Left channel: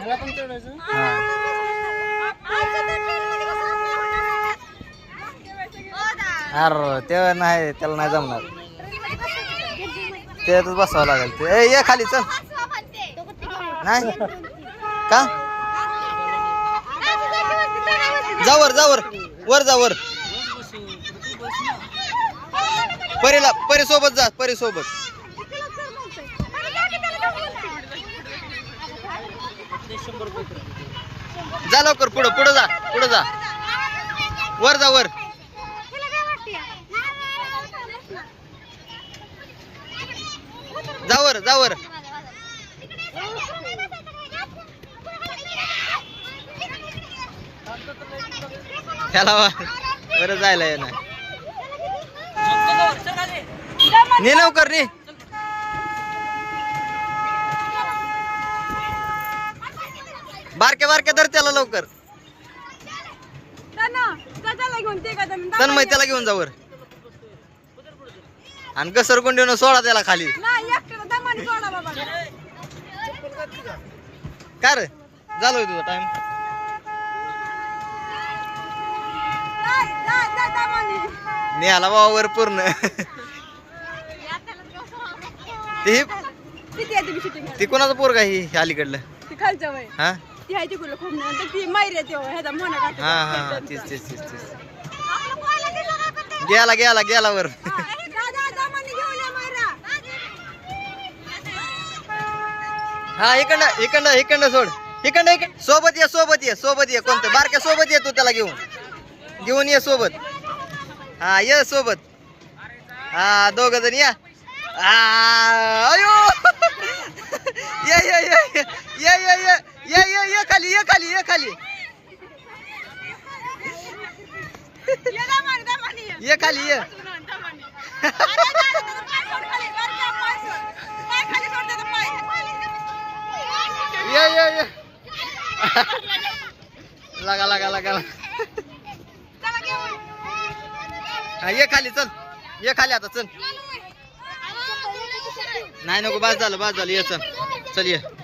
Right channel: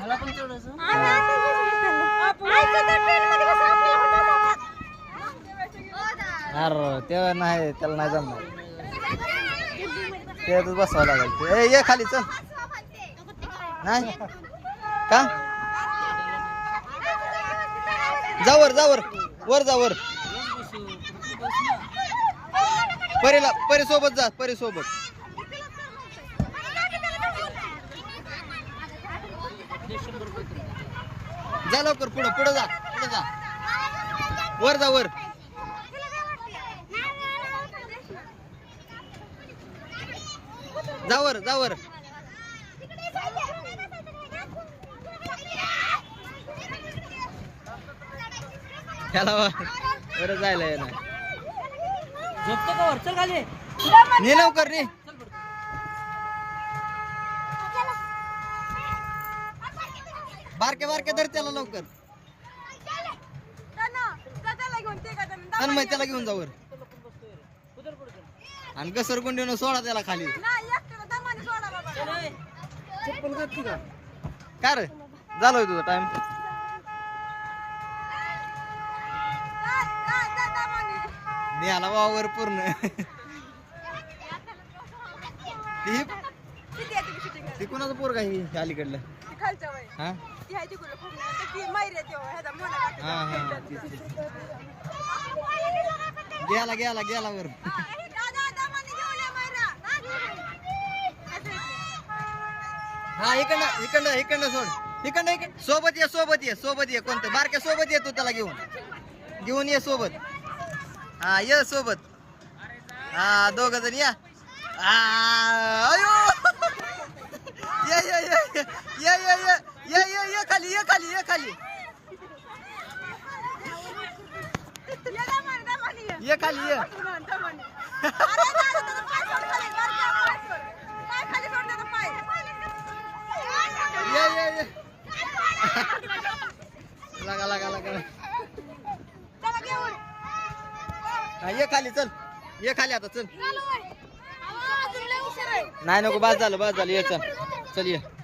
मला पण तेवढंच हा? अरे ते नाही त्याला नाही जमणार. त्यातच बसावं लागेल ते. ए, ये खाली चल. नाही? का? जावर जावर वर. जा वर. परीला परी सोबत जा परी सोबत जा लवकर पुढं पुढं जा पुढं जा. वर जा वर. जा वर जा वर. त्याला वर. जायला येणार. ने लवकर ने. बारक्या बारक्या धर त्याला लवकर. तन्मय त्याला घेऊन जावर आणि घसरगुंडीनं सोडा त्याला खाली. काय रे? झालोय तुझा टाइम नेला वावर पूर्ण. ती ती कोणाचं पोरगा ही अलीकडलं? हा? ती आहे तिकडं खूप नंतर ती माहेर येते हो, ह्याचा मोना काका. हा हा हा तीच तीच तीच तीच. गेला गेला गेला वर. हा इकडं इकडं इकडं सोड. इकडं इकडं. सोबत ये सोबत ये सोबत ये. कोणतं? बारक्या सोबत ये तू त्याला घेऊन. घेऊन ये सोबत. हा ये सोबत. हा दोघ जण या. आ, अयो! ये खाली. ये खाली ये. खाली ये. ये ये ये. लगा लगा लगा. हा ये खाली चल. ये खाली आता चल. नाही नको बस झालं बस झालं ये चल. चल ये.